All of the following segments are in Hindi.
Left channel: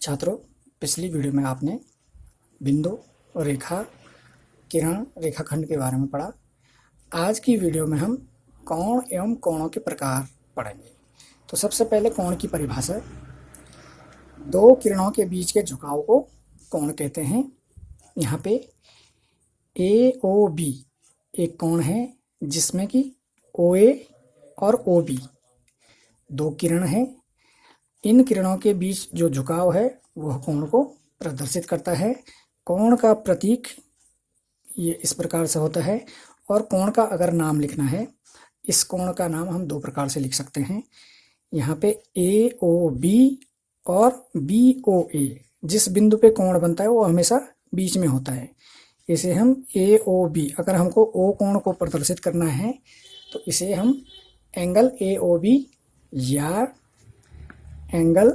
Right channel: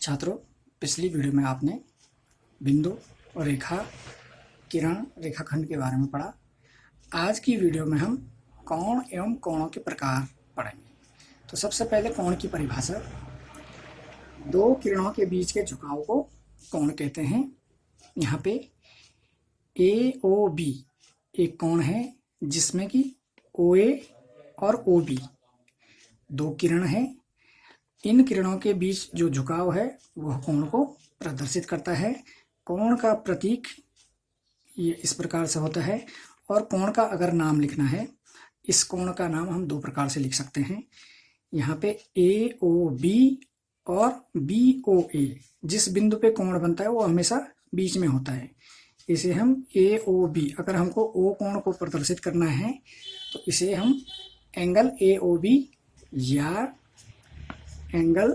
छात्रों, पिछली वीडियो में आपने बिंदु, रेखा, किरण, रेखाखंड के बारे में पढ़ा। आज की वीडियो में हम कोण एवं कोणों के प्रकार पढ़ेंगे। तो सबसे पहले कोण की परिभाषा। दो किरणों के बीच के झुकाव को कोण कहते हैं। यहाँ पे AOB एक कोण है जिसमें कि OA और OB दो किरण हैं। इन किरणों के बीच जो झुकाव है वह कोण को प्रदर्शित करता है। कोण का प्रतीक ये इस प्रकार से होता है। और कोण का अगर नाम लिखना है, इस कोण का नाम हम दो प्रकार से लिख सकते हैं। यहाँ पे AOB और BOA, जिस बिंदु पे कोण बनता है वो हमेशा बीच में होता है। इसे हम AOB, अगर हमको O कोण को प्रदर्शित करना है तो इसे हम एंगल AOB या एंगल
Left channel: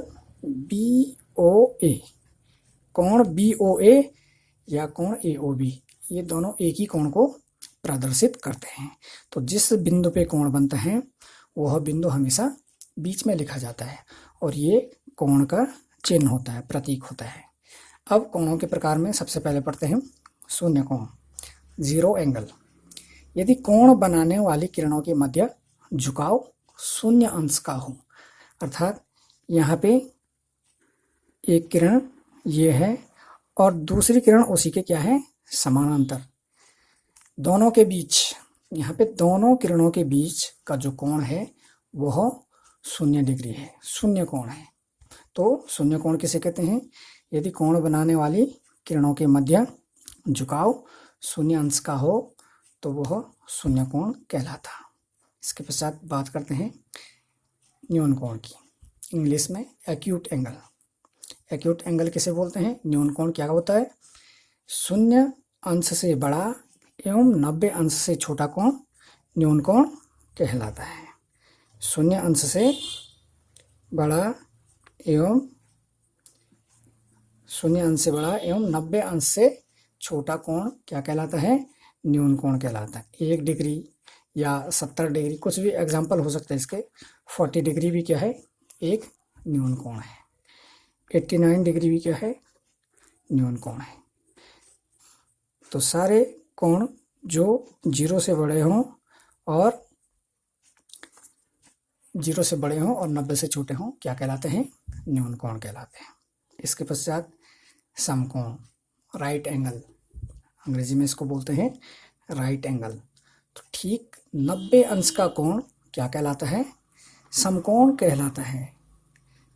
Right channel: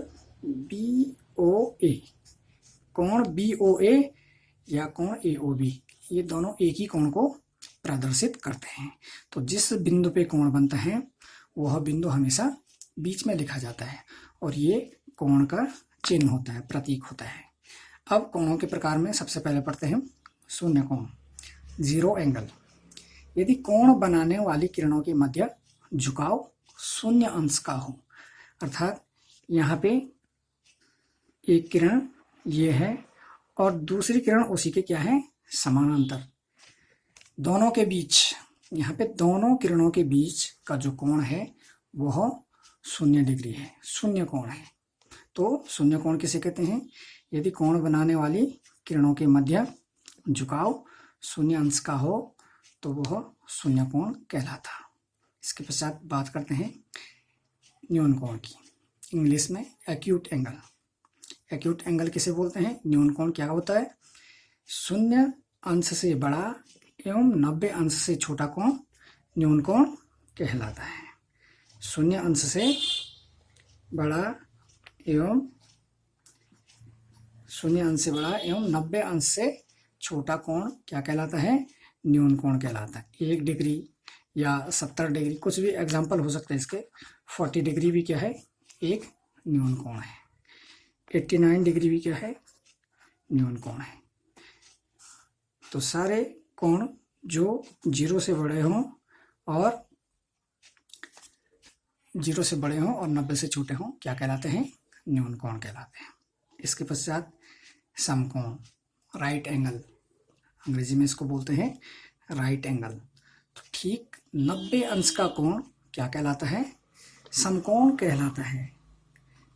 BOA, कोण BOA या कोण AOB, ये दोनों एक ही कोण को प्रदर्शित करते हैं। तो जिस बिंदु पे कोण बनता है वह बिंदु हमेशा बीच में लिखा जाता है और ये कोण का चिन्ह होता है, प्रतीक होता है। अब कोणों के प्रकार में सबसे पहले पढ़ते हैं शून्य कोण, जीरो एंगल। यदि कोण बनाने वाली किरणों के मध्य झुकाव शून्य अंश का हो, अर्थात यहाँ पे एक किरण ये है और दूसरी किरण उसी के क्या है, समानांतर। दोनों के बीच, यहाँ पे दोनों किरणों के बीच का जो कोण है वह 0 डिग्री है, शून्य कोण है। तो शून्य कोण किसे कहते हैं? यदि कोण बनाने वाली किरणों के मध्य झुकाव 0 अंश का हो तो वह शून्य कोण कहलाता। इसके पश्चात बात करते हैं न्यून कोण की, इंग्लिश में एक्यूट एंगल। एक्यूट एंगल किसे बोलते हैं? न्यून कोण क्या होता है? 0 अंश से बड़ा एवं 90 अंश से छोटा कोण न्यून कोण कहलाता है। 0 अंश से बड़ा एवं 90 अंश से छोटा कोण क्या कहलाता है? न्यून कोण कहलाता है। 1 डिग्री या 70 डिग्री, कुछ भी एग्जाम्पल हो सकते हैं इसके। 40 डिग्री भी क्या है? एक न्यून कोण है। 89 डिग्री भी क्या है? न्यून कोण है। तो सारे कोण जो 0 से बड़े हों और 90 से छोटे हों क्या कहलाते हैं? न्यून कोण कहलाते हैं। इसके पश्चात समकोण, राइट एंगल, अंग्रेजी में इसको बोलते हैं राइट एंगल। तो ठीक 90 अंश का कोण क्या कहलाता है? समकोण कहलाता है।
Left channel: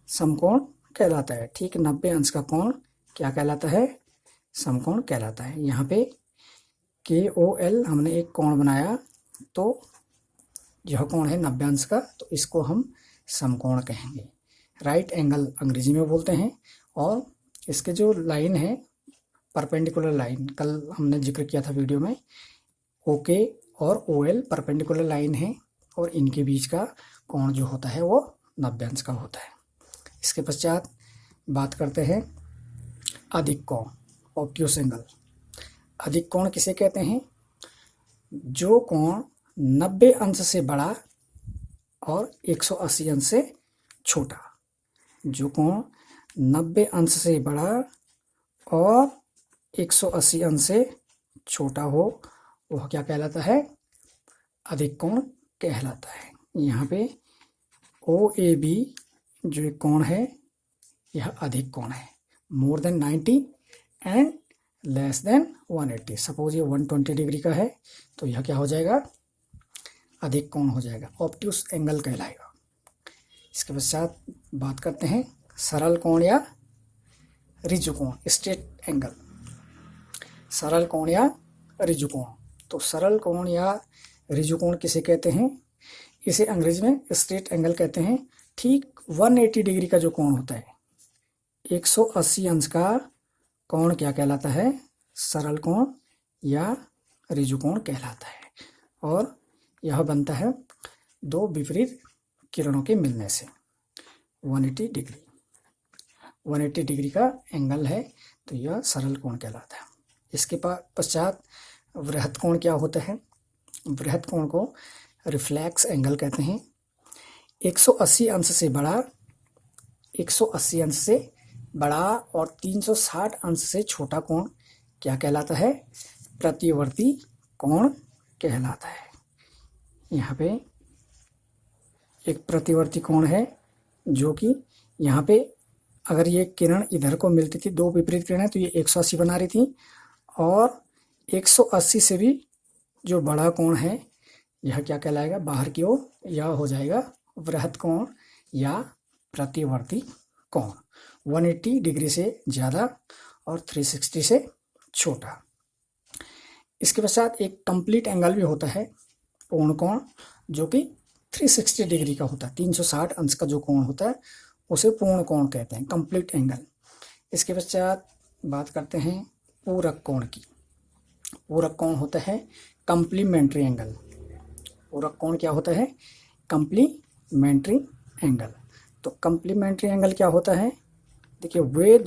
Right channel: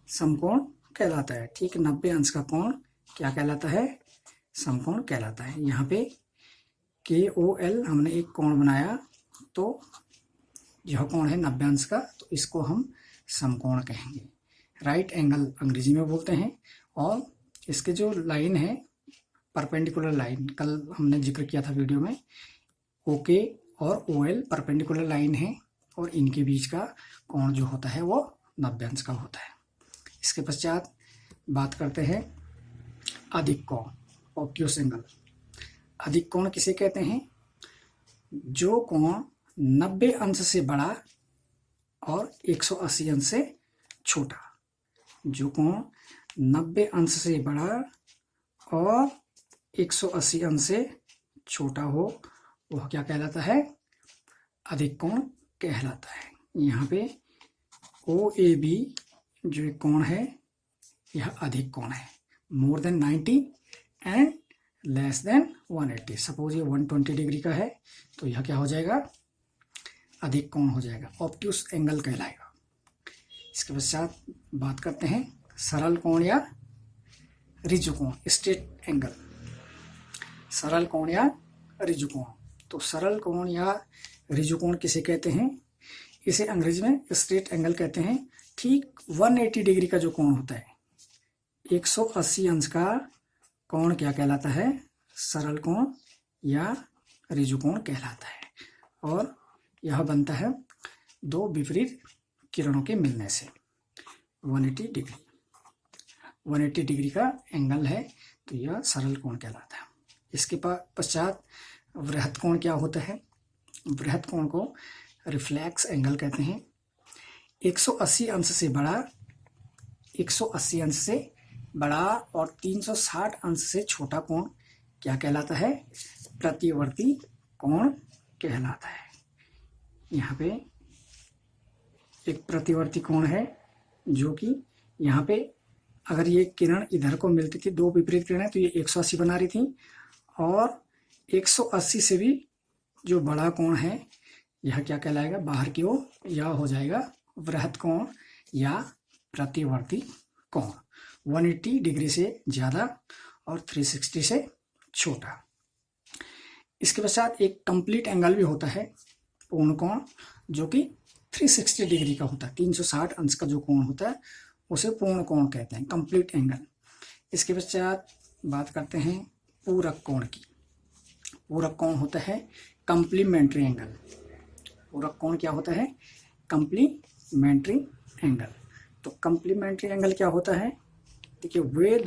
समकोण कहलाता है। ठीक 90 अंश का कोण क्या कहलाता है? समकोण कहलाता है। यहाँ पे KOL हमने एक कोण बनाया, तो यह कोण है 90 अंश का, तो इसको हम समकोण कहेंगे। राइट एंगल अंग्रेजी में बोलते हैं। और इसके जो लाइन है, परपेंडिकुलर लाइन, कल हमने जिक्र किया था वीडियो में, OK और OL परपेंडिकुलर लाइन है और इनके बीच का कोण जो होता है वो 90 अंश का होता है। इसके पश्चात बात करते हैं अधिक कोण, ऑब्ट्यूस एंगल। अधिक कोण किसे कहते हैं? जो कोण 90 अंश से बड़ा और 180 अंश से छोटा। जो कोण 90 अंश से बड़ा और 180 अंश से छोटा हो वह क्या कहलाता है? अधिक कोण कहलाता है। यहाँ पे OAB जो एक कोण है यह अधिक कोण है। More than 90 and less than 180। Suppose ये 120 डिग्री का है तो यह क्या हो जाएगा? अधिक कोण हो जाएगा, ऑब्ट्यूस एंगल कहलाएगा। इसके पश्चात बात करते हैं सरल कोण या ऋजु कोण, स्ट्रेट एंगल। सरल कोण या ऋजु कोण। तो सरल कोण या ऋजु कोण किसे कहते हैं? इसे अंग्रेजी में स्ट्रेट एंगल कहते हैं। ठीक 180 डिग्री का जो कोण होता है, 180 अंश का कोण क्या कहलाता है? सरल कोण या ऋजु कोण कहलाता है। और यह बनता है दो विपरीत किरणों के मिलने से। 180 डिग्री का एंगल है तो यह सरल कोण कहलाता है। इसके पश्चात वृहत कोण क्या होता है? वृहत कोण को रिफ्लेक्स एंगल कहते हैं। 180 अंश से बड़ा, 180 अंश से बड़ा और 360 अंश से छोटा कोण क्या कहलाता है? प्रतिवर्ती कोण कहलाता है। यहाँ पे एक प्रतिवर्ती कोण है जो कि यहाँ पे अगर ये किरण इधर को मिलती थी, दो विपरीत किरणें, तो ये 180 बना रही थी, और 180 से भी जो बड़ा कोण है यह क्या कहलाएगा? बाहर की ओर, यह हो जाएगा वृहत कोण या प्रतिवर्ती कोण। 180 डिग्री से ज़्यादा और 360 से छोटा। इसके पश्चात एक कंप्लीट एंगल भी होता है, पूर्ण कोण, जो कि 360 डिग्री का होता है। 360 अंश का जो कोण होता है उसे पूर्ण कोण कहते हैं, कंप्लीट एंगल। इसके पश्चात बात करते हैं पूरक कोण की। पूरक कोण होता है कंप्लीमेंट्री एंगल। पूरक कोण क्या होता है? Complementary angle. तो कंप्लीमेंट्री एंगल क्या होता है? देखिए, वे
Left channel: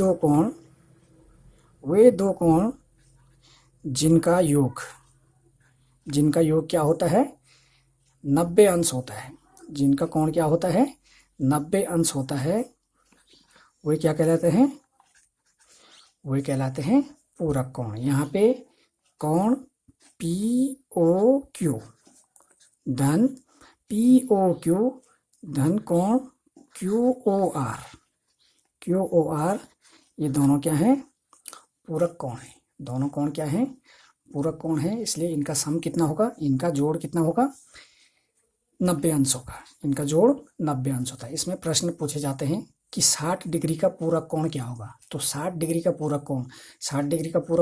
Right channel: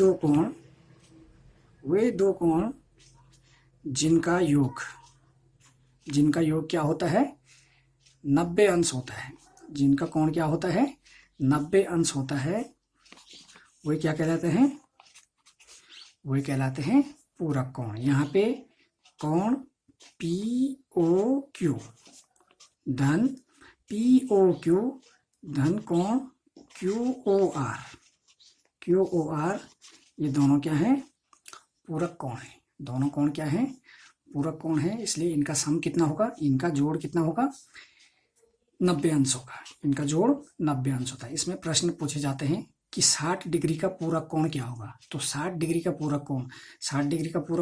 दो कोण जिनका योग क्या होता है? 90 अंश होता है। जिनका कोण क्या होता है? 90 अंश होता है, वे क्या कहलाते हैं? वे कहलाते हैं पूरक कोण। यहाँ पे कोण POQ धन कोण QOR, ये दोनों क्या है? पूरक कोण है। दोनों कोण क्या है? पूरक कोण है। इसलिए इनका सम कितना होगा? इनका जोड़ कितना होगा? 90 अंश होगा। इनका जोड़ 90 अंश होता है। इसमें प्रश्न पूछे जाते हैं कि 60 डिग्री का पूरक कोण क्या होगा? तो 60 डिग्री का पूरक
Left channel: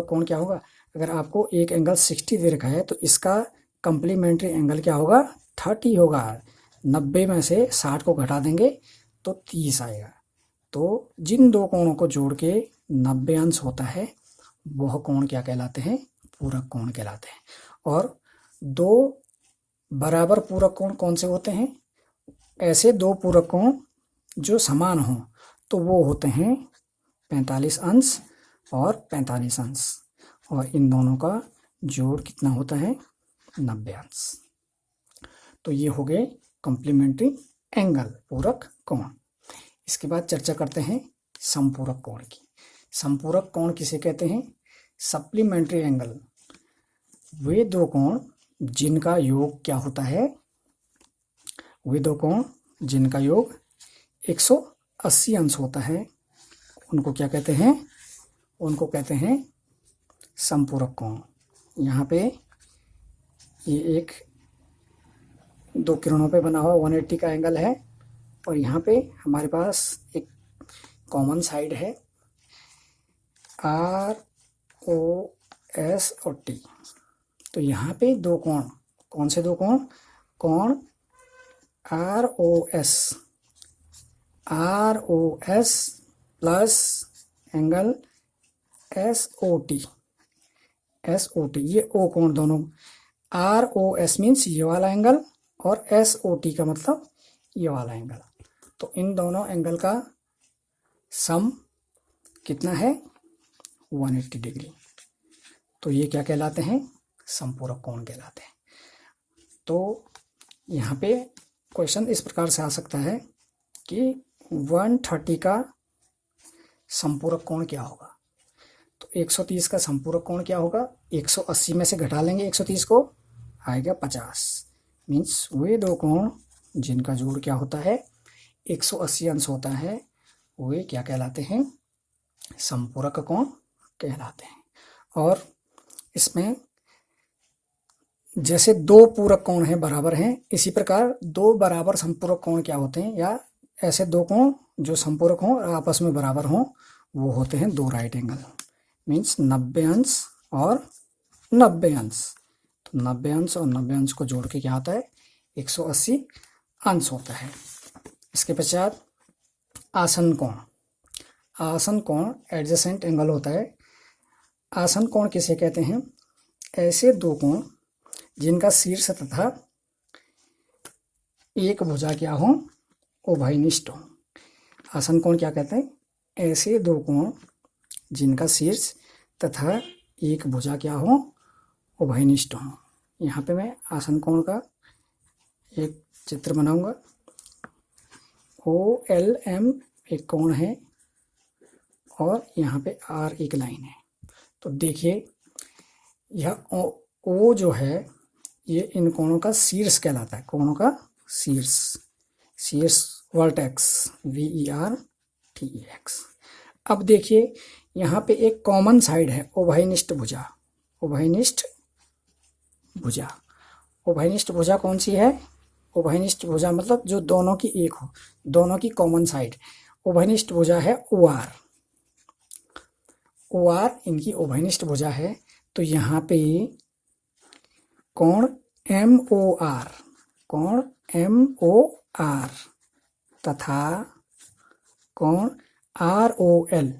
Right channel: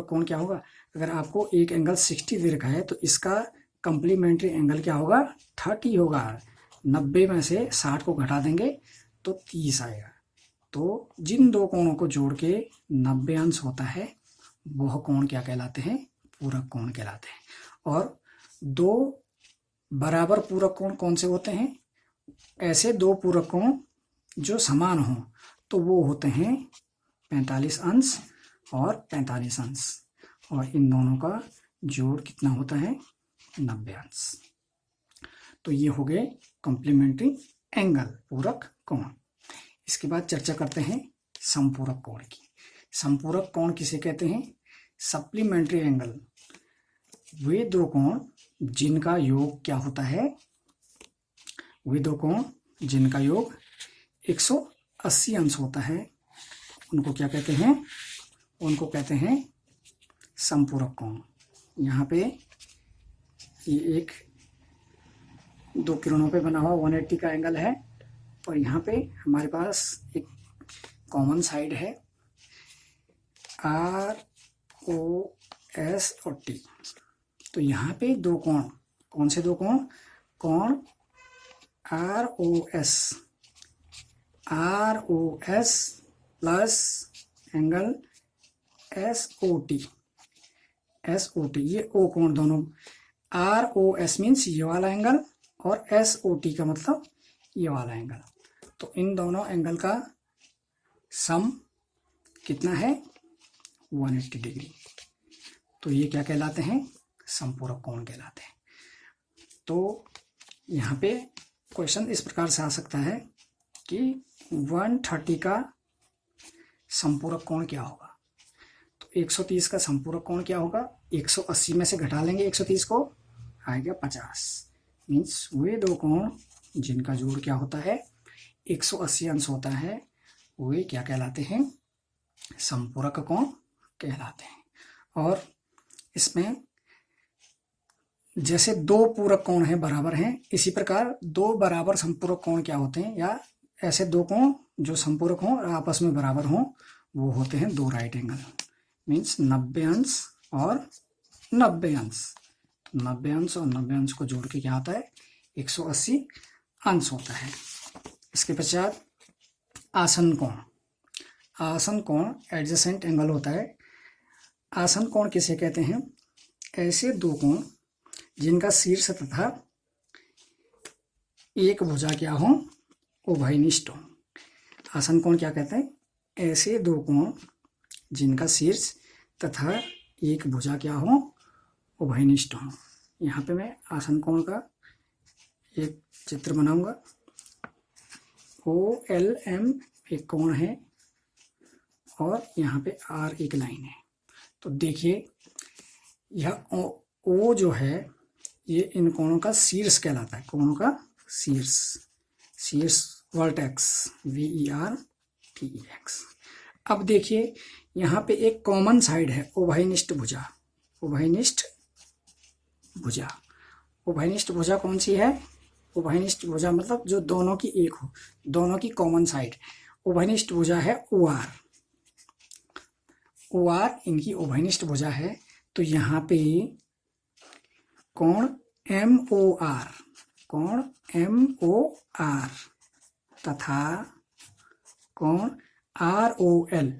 कोण क्या होगा? अगर आपको एक एंगल 60 दे रखा है तो इसका कंप्लीमेंट्री एंगल क्या होगा? 30 होगा। 90 में से 60 को घटा देंगे तो 30 आएगा। तो जिन दो कोणों को जोड़ के 90 अंश होता है वह कोण क्या कहलाते हैं? पूरक कोण कहलाते हैं। और दो बराबर पूरक कोण कौन से होते हैं? ऐसे दो पूरक कोण जो समान हों तो वो होते हैं 45 अंश और 45 अंश, और इन दोनों का जोड़ कितना होता है? 90 अंश। तो ये हो गए कॉम्प्लीमेंट्री एंगल, पूरक कोण। इसके बाद चर्चा करते हैं समपूरक कोण की। समपूरक कोण किसे कहते हैं? Supplementary angle. वे दो कोण जिनका योग क्या होता है? वे दो कोण जिनका योग 180 अंश होता है, उनको क्या कहते हैं? उनको कहते हैं समपूरक कोण। यहाँ पे ये एक दो किरणों पे बना हुआ 180 का एंगल है, और यहाँ पे हमारे पास एक कॉमन साइड है ROS और T। तो यहाँ पे दो कोण, कौन से दो कोण? कोण ROS प्लस एंगल SOT, ये ओ कोण दोनों। ROS मीन्स ये वाला एंगल और SOT का मतलब ये वाला एंगल। तो इन दोनों एंगल का सम कितना है? 180 डिग्री। तो ये क्या कहलाते हैं? समपूरक कोण कहलाते हैं। तो यहाँ पे क्वेश्चन इस प्रकार से आ सकता है कि 130 का समपूरक कोण क्या होगा? तो 130 का समपूरक कोण क्या होगा? 180 में से घटा लेंगे 130 को, आएगा 50। मीन्स वे दो कोण जिनका जोड़ क्या होता है? 180 अंश होता है, वे क्या कहलाते हैं? समपूरक कोण कहलाते हैं। और इसमें जैसे दो पूरक कोण हैं, बराबर हैं, इसी प्रकार दो बराबर समपूरक कोण क्या होते हैं? या ऐसे दो कोण जो समपूरक हों और आपस में बराबर हों वो होते हैं दो राइट एंगल। मीन्स 90 अंश और 90 अंश। तो 90 अंश और 90 अंश को जोड़ के क्या आता है? 180 अंश होता है। इसके पश्चात आसन कोण। आसन कोण एडजेसेंट एंगल होता है। आसन कोण किसे कहते हैं? ऐसे दो कोण जिनका शीर्ष तथा एक भुजा क्या हो? उभयनिष्ठ हो। आसन कोण क्या कहते हैं? ऐसे दो कोण जिनका शीर्ष तथा एक भुजा क्या हो? उभयनिष्ठ हो। यहाँ पे मैं आसन कोण का एक चित्र बनाऊंगा। OLM एक कोण है और यहाँ पे आर एक लाइन है। तो देखिए यह ओ जो है ये इन कोणों का शीर्ष कहलाता है, कोणों का शीर्ष, शीर्ष वर्टेक्स, VERTEX। अब देखिए यहाँ पे एक कॉमन साइड है, उभयनिष्ठ भुजा, उभयनिष्ठ भुजा। उभयनिष्ठ भुजा कौन सी है? उभयनिष्ठ भुजा मतलब जो दोनों की एक हो, दोनों की कॉमन साइड। उभयनिष्ठ भुजा है OR, OR इनकी उभयनिष्ठ भुजा है। तो यहाँ पे कोण MOR, कोण MOR तथा कोण ROL,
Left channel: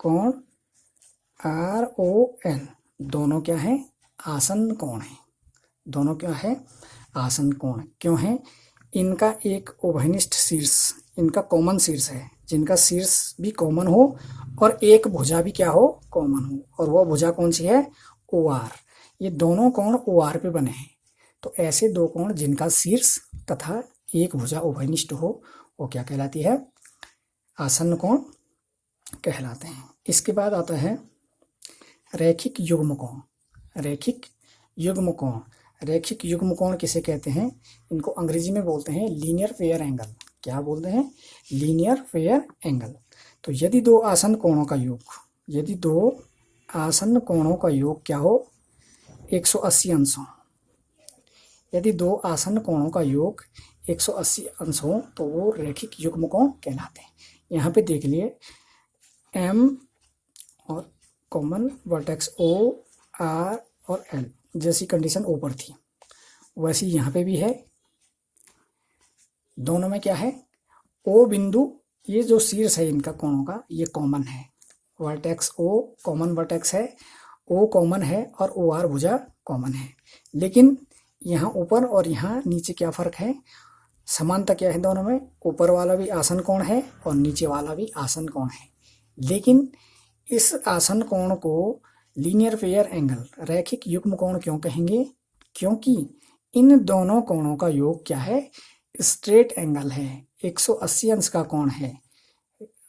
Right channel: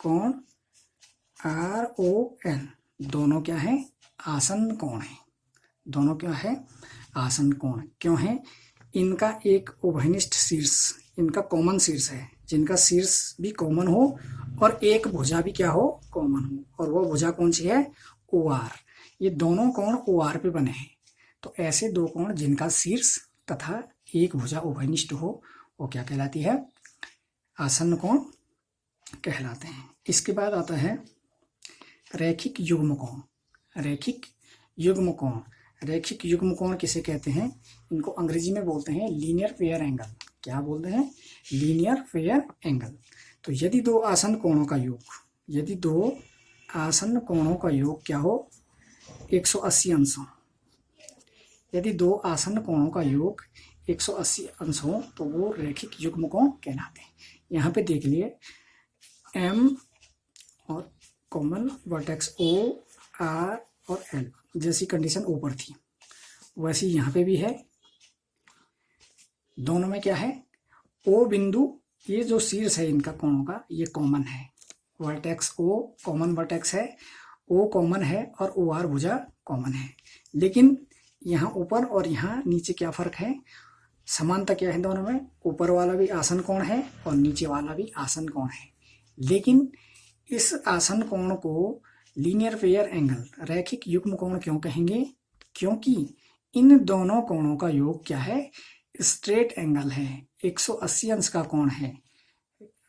कोण ROL दोनों क्या है? आसन कोण है। दोनों क्या है? आसन कोण। क्यों है? इनका एक उभयनिष्ठ शीर्ष, इनका कॉमन शीर्ष है, जिनका शीर्ष भी कॉमन हो और एक भुजा भी क्या हो? कॉमन हो। और वो भुजा कौन सी है? OR। ये दोनों कोण OR पे बने हैं। तो ऐसे दो कोण जिनका शीर्ष तथा एक भुजा उभयनिष्ठ हो वो क्या कहलाती है? आसन कोण कहलाते हैं। इसके बाद आता है रैखिक युग्म कोण। रैखिक युग्म कोण, रैखिक युग्म कोण किसे कहते हैं? इनको अंग्रेजी में बोलते हैं लीनियर फेयर एंगल। क्या बोलते हैं? Linear fair angle. तो यदि दो आसन कोणों का योग, यदि दो आसन कोणों का योग क्या हो? 180 अंश हो। यदि दो आसन कोणों का योग 180 अंश हो तो वो रैखिक युग्म कोण कहलाते हैं। यहाँ पे देख लिए M और कॉमन वर्टेक्स O, R और L जैसी कंडीशन ऊपर थी वैसी यहाँ पे भी है। दोनों में क्या है? O बिंदु, ये जो शीर्ष है इनका कोणों का, ये कॉमन है। वर्टेक्स O कॉमन वर्टेक्स है, O कॉमन है और OR भुजा कॉमन है। लेकिन यहाँ ऊपर और यहाँ नीचे क्या फर्क है? समानता क्या है दोनों में? ऊपर वाला भी आसन कोण है और नीचे वाला भी आसन कोण है। लेकिन इस आसन कोण को लीनियर फेयर एंगल, रैखिक युग्म कोण क्यों कहेंगे? क्योंकि इन दोनों कोणों का योग क्या है? स्ट्रेट एंगल है, 180 अंश का कोण है,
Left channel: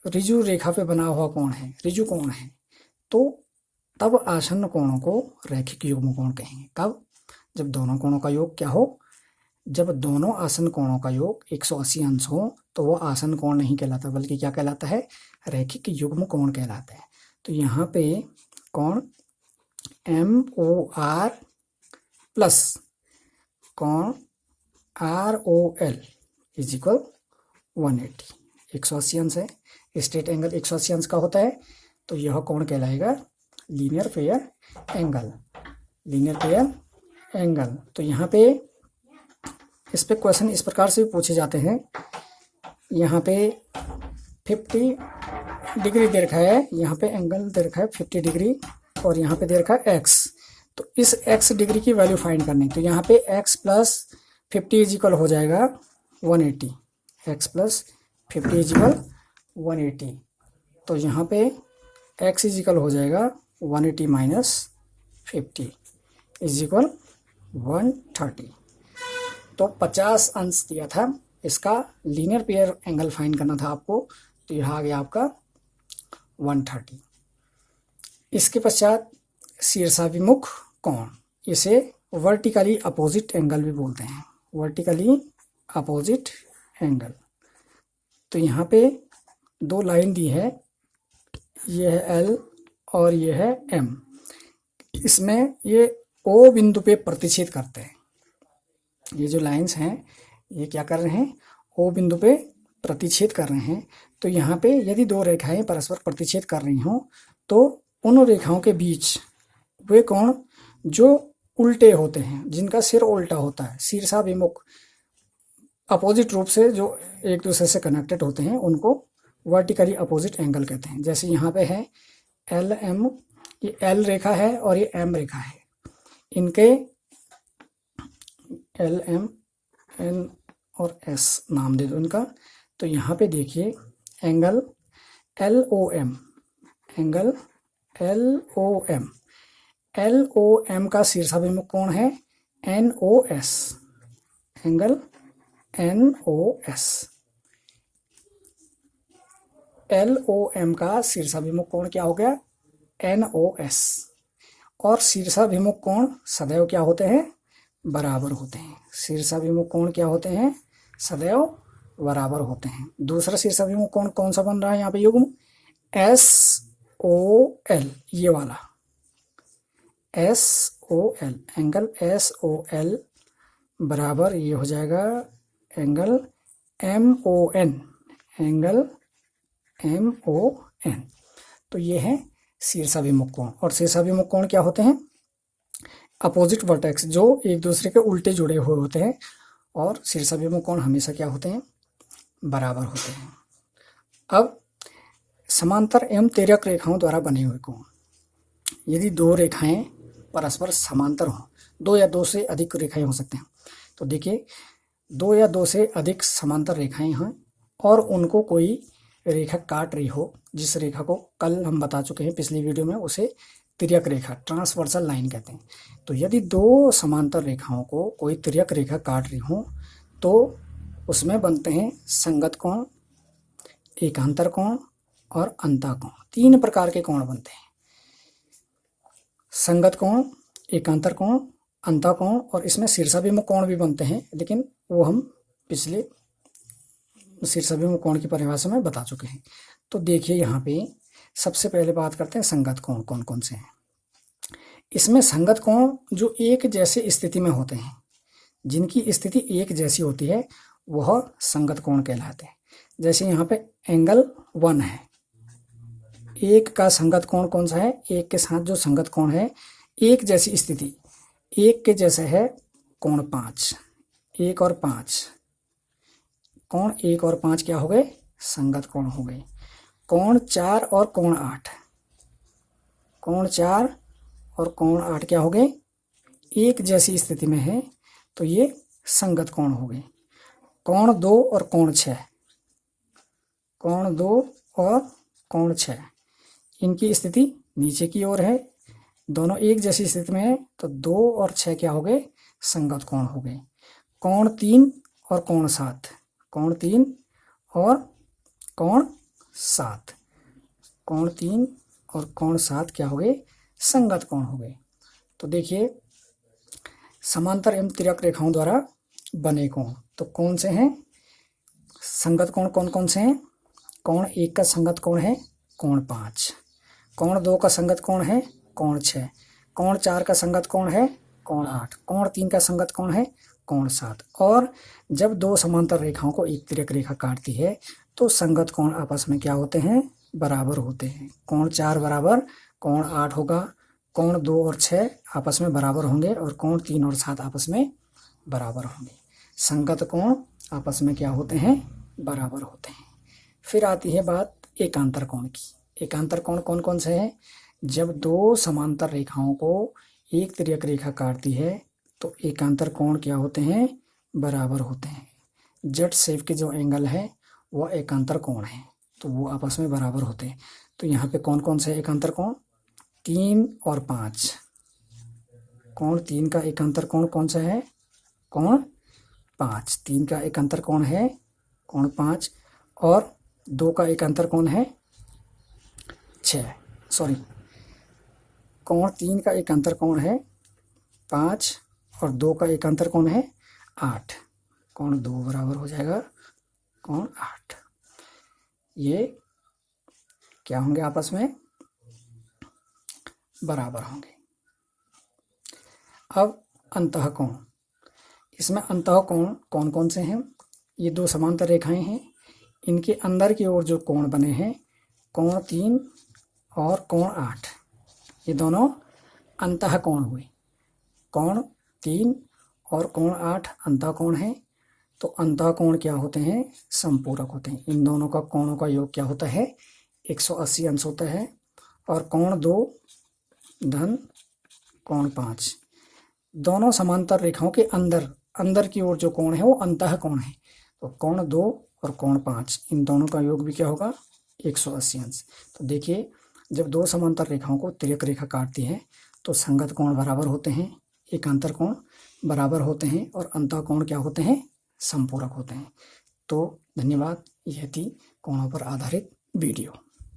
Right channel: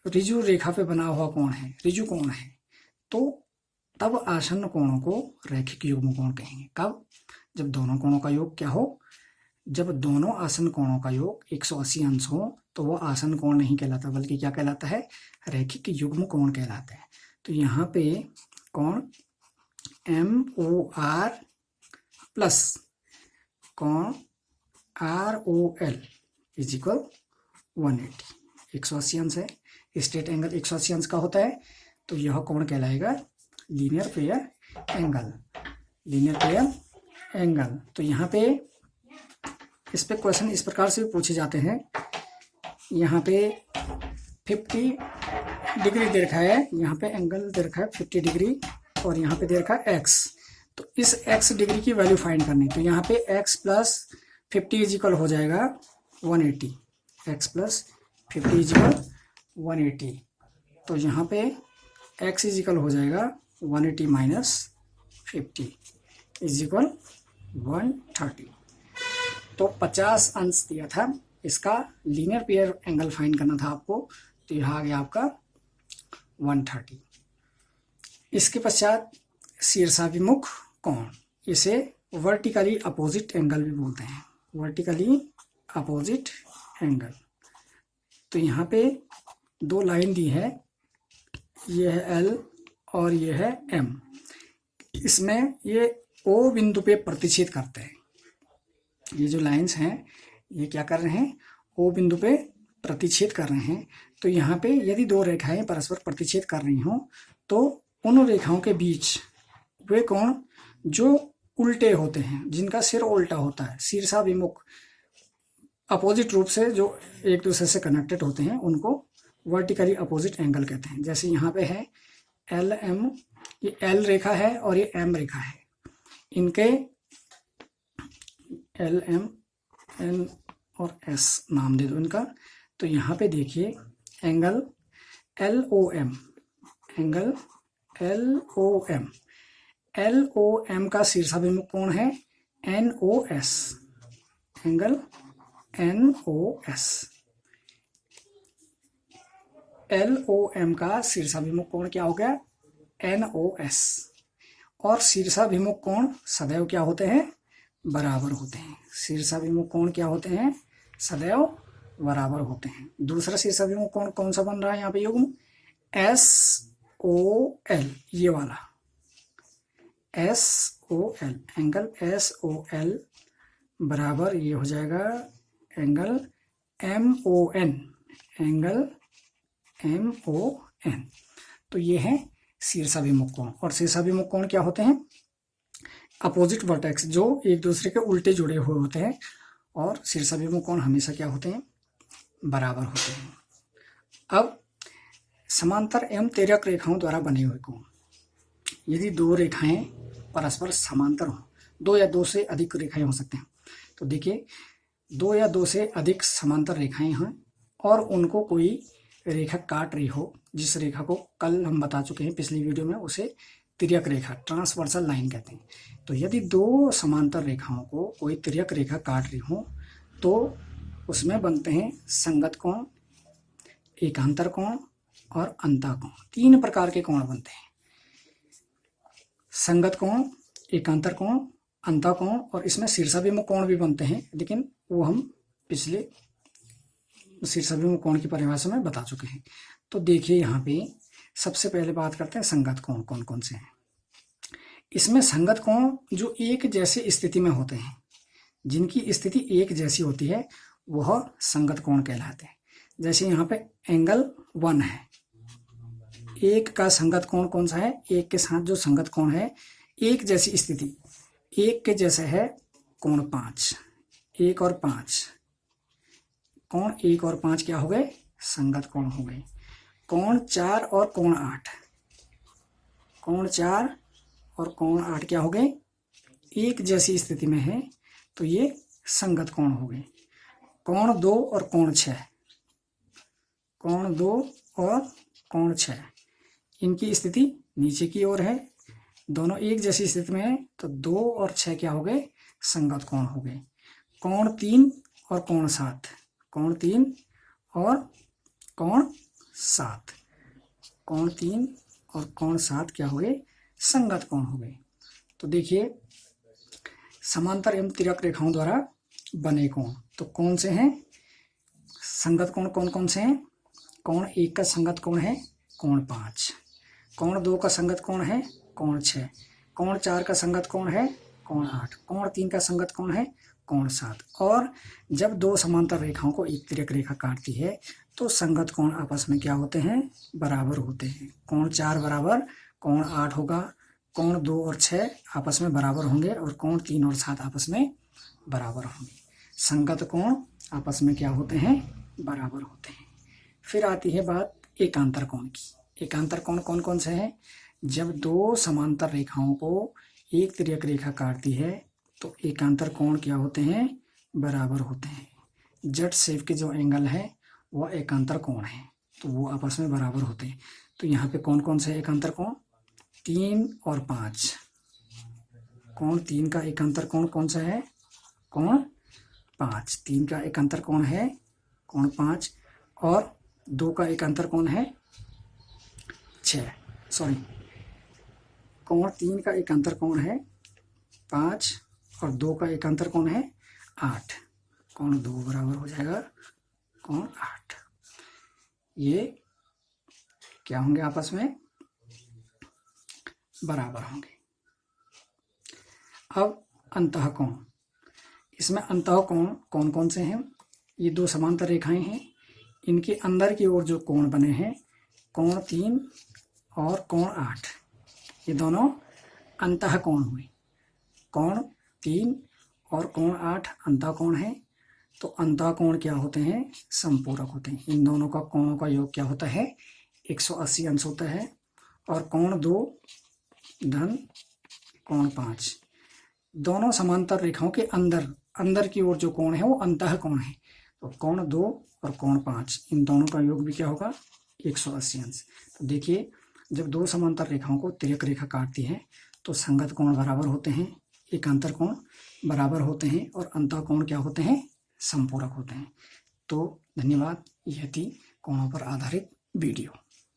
ऋजु रेखा पे बना हुआ कोण है, ऋजु कोण है। तो तब आसन कोणों को रैखिक युग्म कोण कहेंगे। कब? जब दोनों कोणों का योग क्या हो? जब दोनों आसन कोणों का योग 180 अंश हो तो वो आसन कोण नहीं कहलाता, बल्कि क्या कहलाता है? रैखिक युग्म कोण कहलाता है। तो यहाँ पे कोण MOR प्लस कोण ROL इज इक्वल 180, 180 अंश है। स्ट्रेट एंगल 180 अंश का होता है तो यह कोण कहलाएगा linear fair angle, linear fair angle. तो यहाँ पे इस पे क्वेश्चन इस प्रकार से पूछे जाते हैं। यहाँ पे 50 डिग्री दे रखा है, यहाँ पे एंगल दे रखा है 50 डिग्री और यहाँ पे दे रखा है x। तो इस x डिग्री की वैल्यू फाइंड करनी। तो यहाँ पे x प्लस 50 इज इक्वल हो जाएगा 180, x प्लस 50 इज इक्वल 180। तो यहाँ पे x इज इक्वल हो जाएगा 180 माइनस 50 इज इक्वल 130। तो 50 अंश दिया था, इसका लीनियर पेयर एंगल फाइंड करना था आपको। तो यह आ गया आपका 130। इसके पश्चात शीर्षाभिमुख कोण, इसे वर्टिकली अपोजिट एंगल भी बोलते हैं, वर्टिकली अपोजिट एंगल। तो यहाँ पे दो लाइन दी है, ये है L और ये है M। इसमें ये O बिंदु पे प्रतिच्छेद करते हैं। ये जो लाइंस हैं ये क्या कर रहे हैं? O बिंदु पे प्रतिच्छेद कर रहे हैं। तो यहाँ पे यदि दो रेखाएं परस्पर प्रतिच्छेद कर रही हों तो उन रेखाओं के बीच वे कोण जो उल्टे होते हैं, जिनका सिर उल्टा होता है, शीर्षाभिमुख अपोजिट रूप से जो एक दूसरे से कनेक्टेड होते हैं, उनको वर्टिकली अपोजिट एंगल कहते हैं। जैसे यहाँ पे है LM, ये L रेखा है और ये M रेखा है, इनके LM, N और S नाम दे दो इनका। तो यहाँ पे देखिए angle LOM, angle LOM, LOM का शीर्षाभिमुख कोण है NOS, एंगल NOS। LOM का शीर्षाभिमुख कोण क्या हो गया? NOS। और शीर्षाभिमुख कोण सदैव क्या होते हैं? बराबर होते हैं। शीर्षाभिमुख कोण क्या होते हैं? सदैव बराबर होते हैं। दूसरा शीर्षाभिमुख कोण कौन सा बन रहा है यहाँ पे युग्म? SOL, ये वाला SOL, एंगल SOL बराबर ये हो जाएगा एंगल MON, एंगल MON। तो ये है शीर्षाभिमुख कोण। और शीर्षाभिमुख कोण क्या होते हैं? अपोजिट वर्टेक्स, जो एक दूसरे के उल्टे जुड़े हुए होते हैं। और शीर्षाभिमुख कोण हमेशा क्या होते हैं? बराबर होते हैं। अब समांतर एवं तिर्यक रेखाओं द्वारा बने हुए कोण, यदि दो रेखाएं परस्पर समांतर हों, दो या दो से अधिक रेखाएं हो सकते हैं, तो देखिए दो या दो से अधिक समांतर रेखाएं हैं और उनको कोई रेखा काट रही हो, जिस रेखा को कल हम बता चुके हैं पिछली वीडियो में, उसे तिर्यक रेखा, ट्रांसवर्सल लाइन कहते हैं। तो यदि दो समांतर रेखाओं को कोई तिर्यक रेखा काट रही हो तो उसमें बनते हैं संगत कोण, एकांतर कोण और अंतः कोण। तीन प्रकार के कोण बनते हैं, संगत कोण, एकांतर कोण, अंतः कोण, और इसमें शीर्षाभिमुख कोण भी बनते हैं, लेकिन वो हम पिछले शीर्षाभिमुख कोण की परिभाषा में बता चुके हैं। तो देखिए यहाँ पे सबसे पहले बात करते हैं संगत कोण कौन कौन से हैं। इसमें संगत कोण जो एक जैसे स्थिति में होते हैं, जिनकी स्थिति एक जैसी होती है, वह संगत कोण कहलाते हैं। जैसे यहाँ पे एंगल 1 है, एक का संगत कोण कौन सा है? एक के साथ जो संगत कोण है, एक जैसी स्थिति, एक के जैसा है कोण 5, 1 और 5, कोण 1 और 5 क्या हो गए? संगत कोण हो गए। कोण 4 और कोण 8, कोण 4 और कोण 8 क्या हो गए? एक जैसी स्थिति में है, तो ये संगत कोण हो गए। कोण 2 और कोण 6, कोण 2 और कोण 6, इनकी स्थिति नीचे की ओर है, दोनों एक जैसी स्थिति में है, तो 2 और 6 क्या हो गए? संगत कोण हो गए। कोण 3 और कोण 7, कोण 3 और कोण 7, कोण 3 और कोण 7 क्या हो गए? संगत कोण हो गए। तो देखिए समांतर एवं तिर्यक रेखाओं द्वारा बने कोण तो कौन से हैं? संगत कोण कौन कौन से हैं? कोण 1 का संगत कोण है कोण 5, कोण 2 का संगत कोण है कोण 6, कोण 4 का संगत कोण है कोण 8, कोण 3 का संगत कोण है कोण 7। और जब दो समांतर रेखाओं को एक तिर्यक रेखा काटती है तो संगत कोण आपस में क्या होते हैं? बराबर होते हैं। कोण 4 बराबर कोण 8 होगा, कोण 2 और 6 आपस में बराबर होंगे और कोण 3 और 7 आपस में बराबर होंगे। संगत कोण आपस में क्या होते हैं? बराबर होते हैं। फिर आती है बात एकांतर कोण की। एकांतर कोण कौन कौन से हैं? जब दो समांतर रेखाओं को एक तिर्यक रेखा काटती है तो एकांतर कोण क्या होते हैं? बराबर होते हैं। जेड शेप के जो एंगल है वह एकांतर कोण है, तो वो आपस में बराबर होते हैं। तो यहाँ पे कौन कौन से एकांतर कोण? 3 और 5। कोण 3 का एकांतर कोण कौन सा है? कोण 5। 3 का एकांतर कोण है कोण 5 और 2 का एकांतर कोण है 6। कोण 3 का एकांतर कोण है 5 और 2 का एकांतर कोण है 8। कोण 2 बराबर हो जाएगा कोण 8। ये क्या होंगे? आपस में बराबर होंगे। अब अंतः कोण, इसमें अंतः कोण कौन कौन से हैं? ये दो समांतर रेखाएं हैं, इनके अंदर की ओर जो कोण बने हैं कोण 3 और कोण 8, ये दोनों अंतः कोण हुए। कोण 3 और कोण 8 अंतः कोण है, तो अंतः कोण क्या होते हैं? संपूरक होते हैं। इन दोनों का कोणों का योग क्या होता है? 180 अंश होता है। और कोण 2 धन कोण 5, दोनों समांतर रेखाओं के अंदर की ओर जो कोण है वो अंतः कोण है। तो कोण 2 और कोण 5, इन दोनों का योग भी क्या होगा? 180 अंश। तो देखिए जब दो समांतर रेखाओं को तिर्यक रेखा काटती है तो संगत कोण बराबर होते हैं, एकांतर कोण बराबर होते हैं और अंतः कोण क्या होते हैं? संपूरक होते हैं। तो धन्यवाद। यह थी कोणों पर आधारित वीडियो।